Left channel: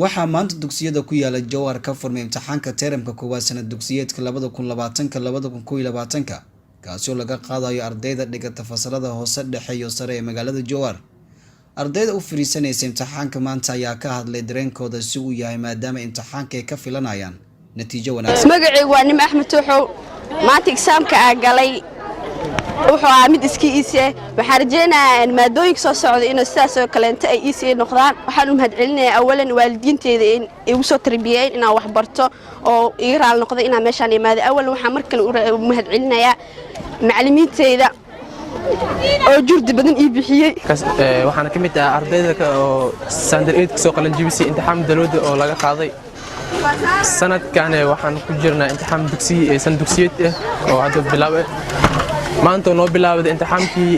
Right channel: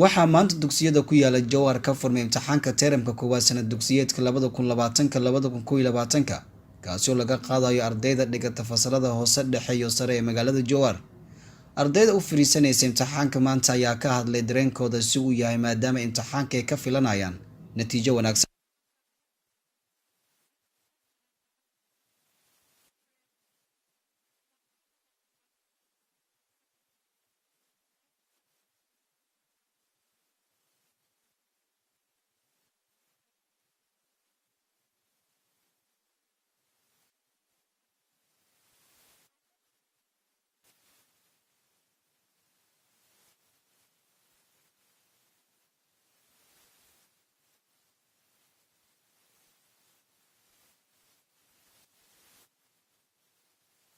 waxaa maanta dugsiyada ku yaala Jowhar ka furmay imtixaanka termka koowaad sanad dugsiyeedka 2020-2021 kaasoo laga qaadayo ardayda dhigata fasalada hoose dhexe iyo sare ee magaalada Jowhar. ardayda u fariisanaysa imtixaanka maanta ayaa ka hadlay dareenkooda si uu yahay maadaama imtixaanka ay ka filanayaan natiijo wanaagsan. magacaygu waa Nim Axmed Tuuxow. maanta exaamka aan galay wuxuu ahaa mid iskiisa waxaan rajeynayaa in maadooyinka soo socda inay sidaas oo kaleento ay ii noqdaan. waxaan u mahadcelinayaa awalan waalidiinteeda in igu soo tarbiyeen inaan wax barto oo iga raal noqdo inaan meeshaan imaado. awalan waxaan mar kale u mahadcelinayaa macallimiinteyda oo jurdi badan ii bixiyay. waxaan ka mid ah ardayda oo standard 8 ka soo qalan jibisay imtixaan dalooda oo laga qaaday sanadkan. waxaan ku jirnaa imtixaan dugsiyeed oo hadda bilaabay maanta noo bilaabay imtixaankii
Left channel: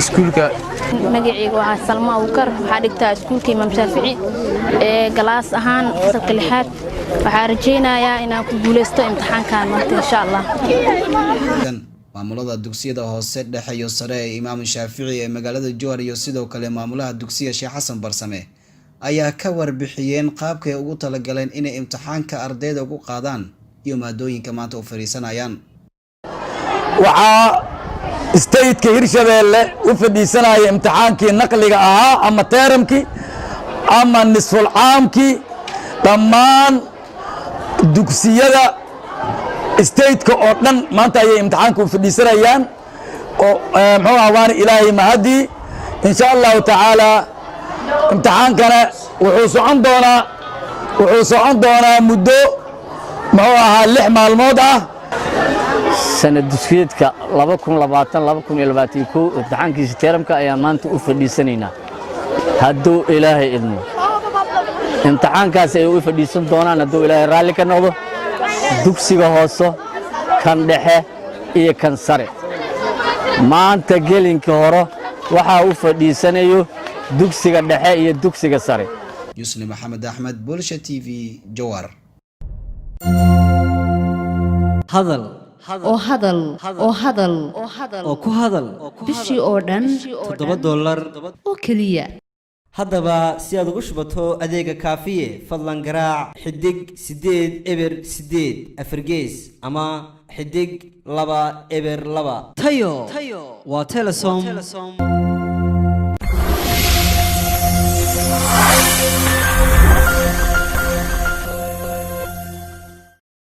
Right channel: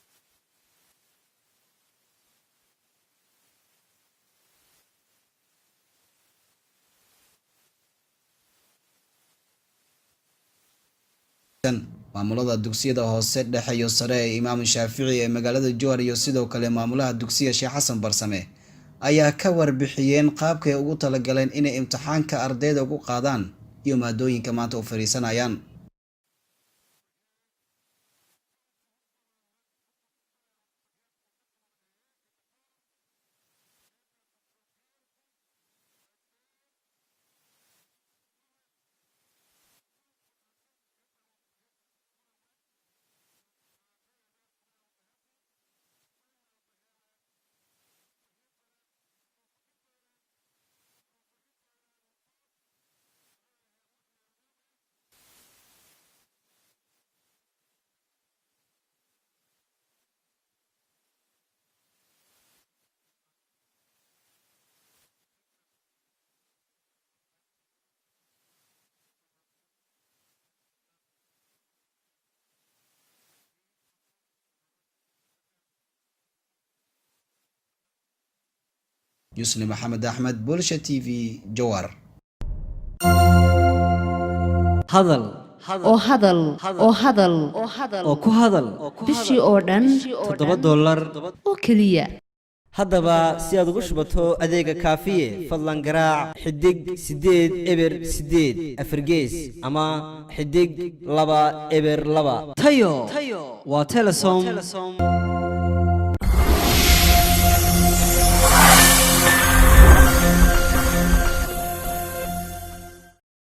iskuulka. magacaygu waa Salma Abukar, waxaan dhigtaa iskuulka Imaam Shaafici galaas ahaan fasalka 6aad. waxaan rajeynayaa inaan ku guuleysto imtixaankan maanta insha Allah. maamulada dugsiyada hoose dhexe iyo sare ee Imaam Shaafici ee magaalada Jowhar iyo sidoo kale maamulaha dugsiga Sheekh Xasan Barsame ayaa ka warbixiyeen qaabka ay ugu talagaleen inay imtixaanka ardayda ugu qaadaan iyo maadooyinka maanta u fariisanayaan. waxaa stateka Hirshabeelle u fadhiisanaya imtixaankii naqliga ahaa ama teeramkii ama nisful caamkii dhammaan dugsiyada stateka oo dhan maanta ayay imtixaanka u fadhiisanayaan oo muxuu ahaa waana ilaahay mahadii insha Allah taala. imtixaankana wuxuu socon doonaa muddo muxuu ahaa 6 maalmood ah. sanad dugsiyeedka 2020-2021 imtixaankiisa teeramka ayaan maanta u fadhiisanaynaa hadduu ilaahay idmo. imtixaankaas ay u fadhiisan doonaan hadduu ilaahay raalli ka noqdo dugsiga hoose, kan dhexe iyo kan sare. maanta gelinka hore waxaa u fadhiisanayo dugsiga dhexe iyo dugsiga sare. Yusni Maxamed Axmed, Bulsha TV, Jowhar. hadal oo ku hadal bishii oo dhan $7 oo kaliya. haddaba si aad ugu shubato adeega kaafiye fadlan garaac xidig 8 eber 8 afargees ama xidig 2 eber 2. tayo waa Telesom.